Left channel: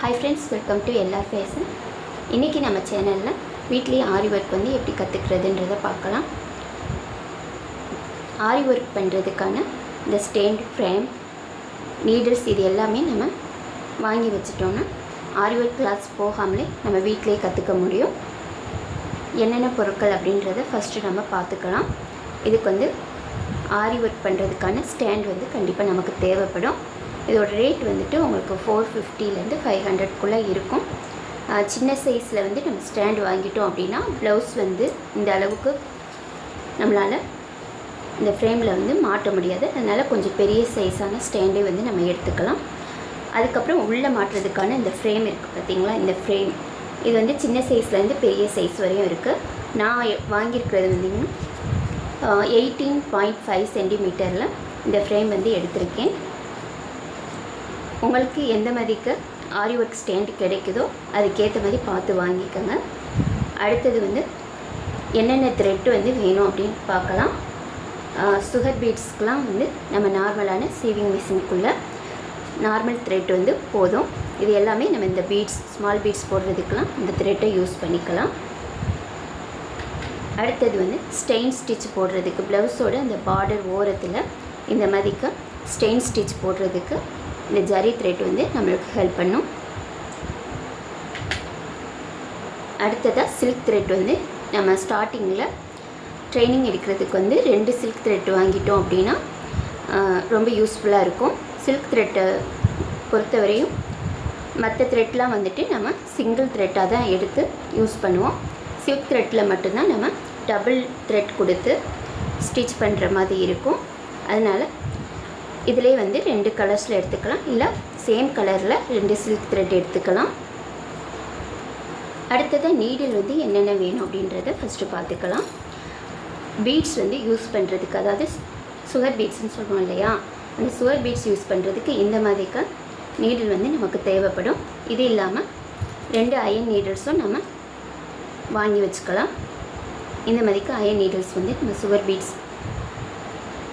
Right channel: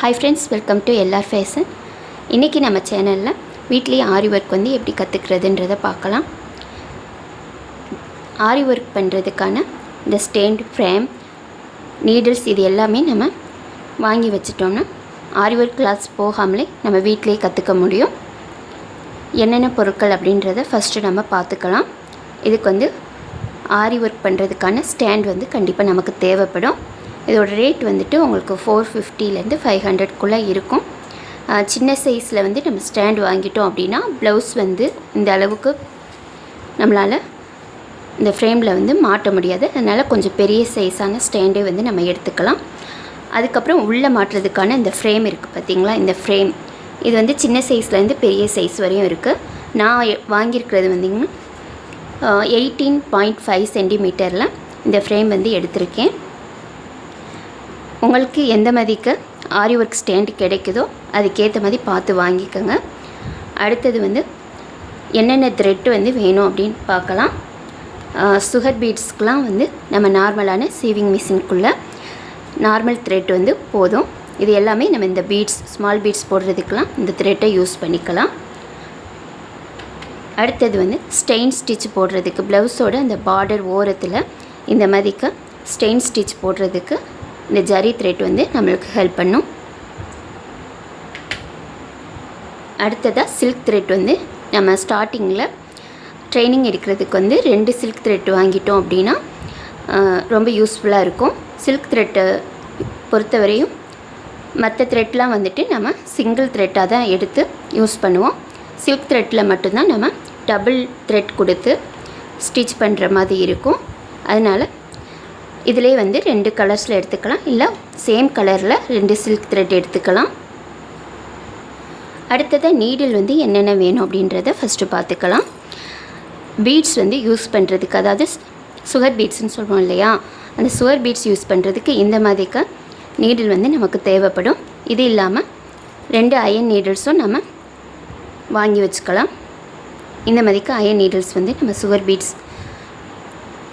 Hi friends, welcome to LR fashion. இன்றைக்கி நம்ம சேனலில் வீட்லேயே ஆரி ஒர்க் வந்து எப்படி கற்றுக்கிறதுன்றதை பார்க்கலாம். ஆரி ஒர்க் பண்ணுறதுக்கான இந்த ஸ்டேண்ட், ஃப்ரேம், நீடில்ஸ் இது எல்லாமே நம்ம வாங்கி வச்சிட்டோன்னா ஆரி ஒர்க் கிளாஸ் போகாமலே நம்ம வீட்டிலேயே கற்றுக்க முடியும். என்னென்ன பொருட்கள் அப்படின்றத ஃபஸ்ட்டு நம்ம பார்த்துக்கலாம். இதுக்கு வந்து ஆரி ஒர்க் பண்ணுறதுக்கான ஸ்டாண்ட் வந்து கண்டிப்பாக நமக்கு தேவைப்படும். இதோட ரேட் வந்துட்டு உங்களுக்கு 450லேருந்து 500க்குள்ளே இருக்கும். சின்ன சைஸில் வந்து நம்ம ஸ்டாண்ட் வாங்கிட்டோம் அப்படின்னா ப்ளவுஸ் வந்து இந்த அளவுக்கு நம்மளால் இந்த ஃப்ரேமில் வந்து மாட்ட முடியாது. அதனால் கொஞ்சம் பெரிய சைஸான ஸ்டாண்டே வந்து நம்ம எடுத்துக்கலாம். அதுக்கப்புறம் உள்ளே மாட்டுறதுக்கான இந்த ஃப்ரேம் இருக்குது பார்த்திங்களா, இந்த ஃப்ரேம் இது வந்து சின்ன சைஸ்லேருந்து பெரிய சைஸ் வரையும் இருக்குது. நான் வாங்கியிருக்கிறது வந்திங்கன்னா 18.5 சென்டிமீட்டரில் இந்த ஃப்ரேம் வந்து எடுத்திருக்கேன். உங்களுக்கு எந்த மாதிரிக்கு ஆரி ஒர்க் ஸ்டாண்ட் கிடைக்குதோ அதுக்கேற்ற மாதிரி பார்த்து வாங்கிக்கோங்க. அடுத்தது வந்து என்னென்ன த்ரெட்டு வந்து வேணும் அப்படின்னு பார்க்கலாம். சுகர் பீட்ஸ்க்கெலாம் வந்து நம்ம நார்மலான சீவிங் மிஷினுக்குள்ளே நார்மல் த்ரெட் வந்து போதும். இது எல்லாமே நம்ம இந்த பீட்ஸ், ஸ்மால் பீட்ஸ் போடுறதுக்கெலாம் இந்த த்ரெட்டை யூஸ் பண்ணிக்கலாம். அடுத்தது வந்து ஸ்டெயின் ஸ்டிச் போடுறதுக்கு ப்ளவுஸோட அந்த பார்டர் ஓரத்தில் இந்த மாதிரிக்கு ஸ்டெயின் ஸ்டிச் போடுறதுக்கு இந்த ஜரி த்ரெட் வந்து நம்மளுக்கு ஹெல்ப் பண்ணும். அடுத்ததாக சில்க் த்ரெட் வந்து நம்ம ஸ்டார்டிங்கில் ட்ரைனிங் எடுக்கிறதுக்கு வந்து 2 சில்க் த்ரெட் வாங்கிட்டோம் அப்படின்னா ரொம்ப யூஸ்ஃபுல்லாக இருக்கும். சில்க் த்ரெட்டை பொறுத்தவரையும் மற்ற த்ரெட்லாம் வந்துட்டு நம்ம சிங்கிள் த்ரெட்டாக தான் எடுத்து யூஸ் பண்ணுவோம். சில்க் த்ரெட்டில் மட்டும்தான் நம்ம டபுள் த்ரெட் கொடுத்து ஸ்டிச் பண்ணுற மாதிரி இருக்கும். அதனால் இதிலே வந்து 2 கலர்ஸில் எடுத்துக்கலாம், இல்லை சேம் கலரில் 2 சில்க் த்ரெட் எடுத்துக்கலாம். அடுத்தது நீடில் வந்து என்னென்ன வேணும் அப்படின்றத ஃபஸ்ட்டு பார்த்துக்கலாம். பீட்ஸ் வந்து யூஸ் பண்ணுறதுக்கு, அதாவது சுகர் பீட்ஸ்ன்னு சொல்லுவோம் இல்லையா, அந்த சுகர் பீட்ஸ் யூஸ் பண்ணுறதுக்கு இந்த மாதிரிக்கு நீடில் வந்து நமக்கு தேவைப்படும். இது இல்லாமல் 2 அயன் நீடில்ஸும் நம்ம வாங்கி வச்சுக்கலாம். இந்த மாதிரிக்கு அயன் நீடில்ஸ் வந்து நம்ம சுகர் பீட்ஸ்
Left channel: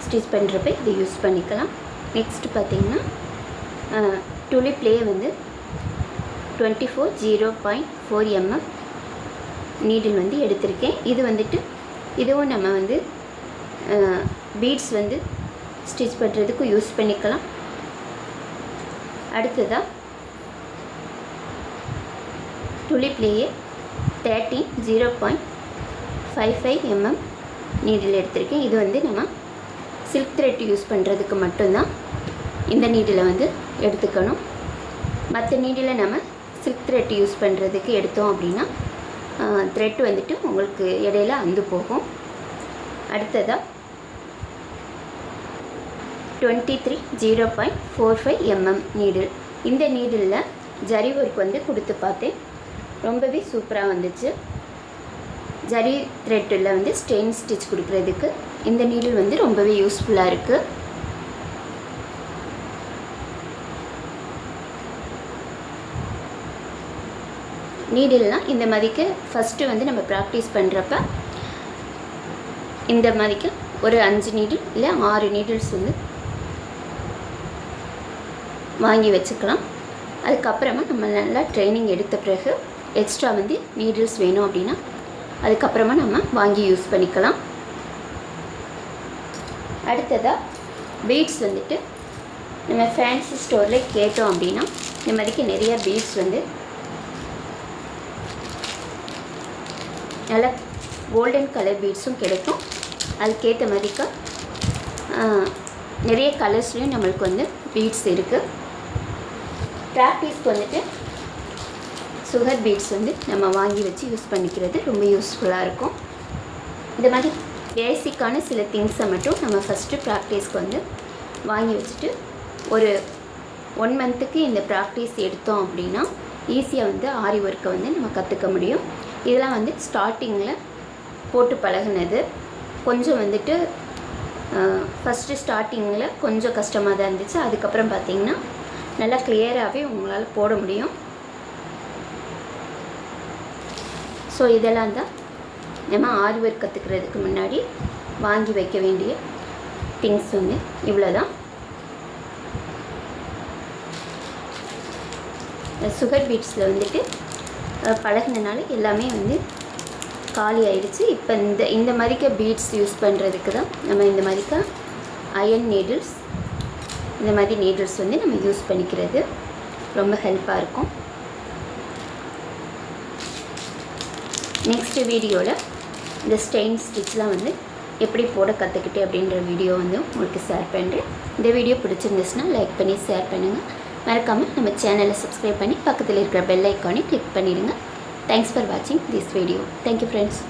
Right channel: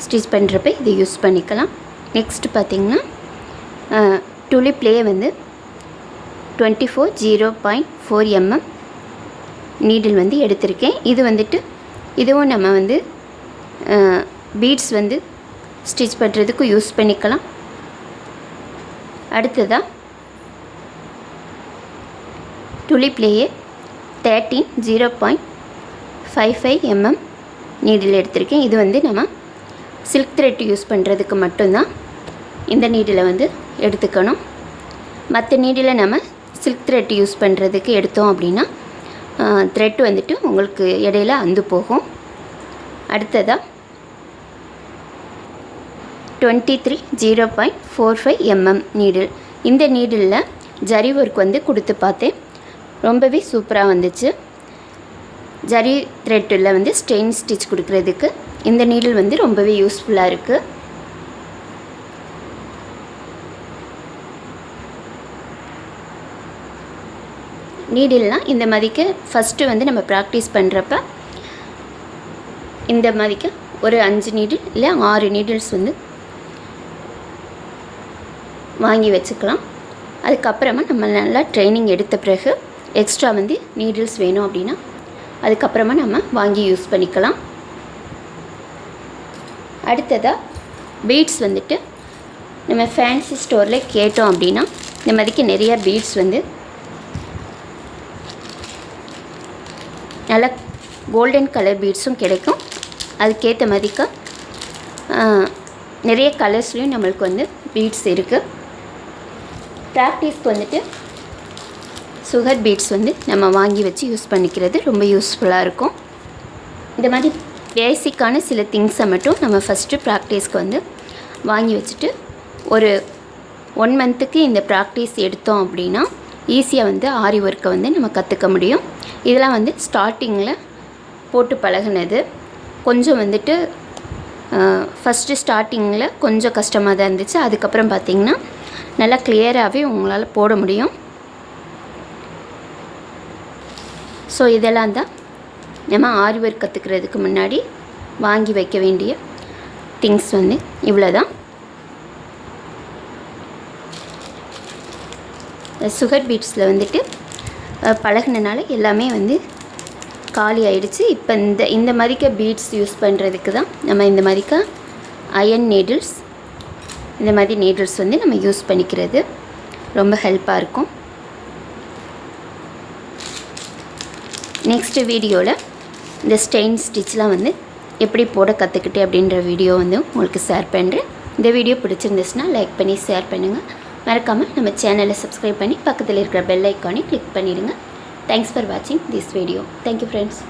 ஸ்டிச் பண்ணுறப்ப இதை யூஸ் பண்ணிக்கலாம். நெக்ஸ்ட்டு பார்த்திங்கன்னா டுலிப்லேயே வந்து 24 0.4 நீடில் வந்து எடுத்திருக்கேன். இது வந்துட்டு இதுவும் நம்ம வந்து பீட்ஸ் வந்து ஸ்டிச் பண்ணுறதுக்கு யூஸ் பண்ணிக்கலாம். அடுத்ததாக டுலிப்லேயே 13 0.55 நீடில் எடுத்திருக்கேன். இது வந்து நம்ம சில்க் த்ரெட் யூஸ் பண்ணுறதுக்கு மட்டும்தான் இந்த நீடிலை வந்து எடுத்துக்கணும். மற்ற நீடிலை நம்ம சில்க் த்ரெட் யூஸ் பண்ணுறதுக்கு எடுத்தோம் அப்படின்னா த்ரெட் வந்துட்டு உங்களுக்கு இடையில அந்து போகும். அடுத்ததாக 23 0.45 நீடில். இந்த நீடிலில் ஜரி ஒர்க் வந்து கொடுத்து பார்த்தேன், ரொம்பவே சூப்பராக வந்துச்சு. ஜரி த்ரெட்டில் வந்து ஸ்டெயின் ஸ்டிச் கொடுக்குறதுக்கு இந்த நீடில் வந்து ரொம்பவே யூஸ்ஃபுல்லாக இருக்குது. நீடில்னால் இந்த மாதிரிக்கு ஃபஸ்ட்டு வந்து நம்ம ப்ராக்டிஸ் பண்ணுறப்ப இந்த மாதிரிக்கு ஒரு 5 நீடில் இல்லை 6 நீடில்ஸ் வந்து வாங்கி வச்சுக்கலாம். அதுக்கப்புறமா நம்ம நல்லா ட்ரைனிங் எடுத்த பிறகு எக்ஸ்ட்ரா வந்து நீடில்ஸ் வேணும் அப்படின்னா அதுக்கப்புறமா நம்ம வாங்கி யூஸ் பண்ணிக்கலாம். அடுத்ததாக பீட்ஸ் வந்துட்டு நம்ம ஃபேன்சி ஸ்டோரில் கேட்டோம் அப்படின்னா இந்த மாதிரிக்கு நிறைய பீட்ஸ் வந்து நல்லா கோல்டன் கலர் பீட்ஸும் கிடைக்கும். அதுக்கேற்ற மாதிரிக்கு நிறைய கலர்ஸ்லேயும் நம்மளுக்கு வந்து பீட்ஸ் இருக்குது. ப்ராக்டிஸ்க்கு வந்துட்டு சுகர் பீட்ஸ் வந்து நம்ம வாங்கி வச்சு யூஸ் பண்ணிக்கிறது ரொம்ப யூஸ்ஃபுல்லாக இருக்கும். இந்த மாதிரி பேசிக்கான சில திங்ஸை மட்டும் நம்ம ஃபஸ்ட்டு ப்ராக்டிஸ்க்கு வந்து வாங்கி வச்சுட்டு ஒரு 1 மந்த்துக்கு இந்த ப்ராக்டிஸ் எடுத்தோம் அப்படின்னா ஈஸியாக வந்து ஆரி ஒர்க்கை வந்து நம்ம கற்றுக்க முடியும். இதெல்லாம் வந்து ஸ்டார்டிங்கில் போட்டு பழகினது. கொஞ்சம் வந்துட்டு ஃபஸ்ட்டு ஸ்டார்டிங்கில் கொஞ்சம் கஷ்டமாக தான் இருந்துச்சு. அதுக்கப்புறம் பார்த்திங்கன்னா நல்லா கிளியராகவே உங்களால் போட முடியும். ஸோ இதெல்லாம் தான் நம்ம ஆரி ஒர்க் கற்றுக்கிறதுக்கு முன்னாடி வாங்கி வைக்க வேண்டிய திங்ஸ் வந்து இவ்வளோ தான். சுகர் பீட்ஸில் வந்துட்டு பழகினனால எல்லாமே வந்து காலி ஆயிடுச்சு. இப்போ இந்த மாதிரிக்க பீட்ஸ் யூஸ் பண்ணுறதுக்கு தான் நம்ம இந்த மாதிரிக்க அயன் நீடில்ஸ், இந்த மாதிரி நீடில்ஸ் வந்து நம்ம யூஸ் பண்ணிக்கிறது ரொம்ப ஹெல்ப்பாக இருக்கும். நெக்ஸ்ட்டு வீடியோவில் இந்த ஸ்டெயின் ஸ்டிச்லாம் வந்து எப்படி போட கற்றுக்கிட்டேன் அப்படின்ற வீடியோ வந்து உங்களுக்கு ஷேர் பண்ணுறேன். இந்த வீடியோ பிடிச்சிருந்துச்சுன்னா லைக் பண்ணி ஷேர் பண்ணுங்கள். மறக்காமல் நம்ம சேனலை சப்ஸ்கிரைப் பண்ணி பக்கத்தில் இருக்கிற பெல் ஐக்கானை கிளிக் பண்ணிடுங்க. தேங்க்ஸ் ஃபார் வாட்சிங் திஸ் வீடியோ. Thank you friends.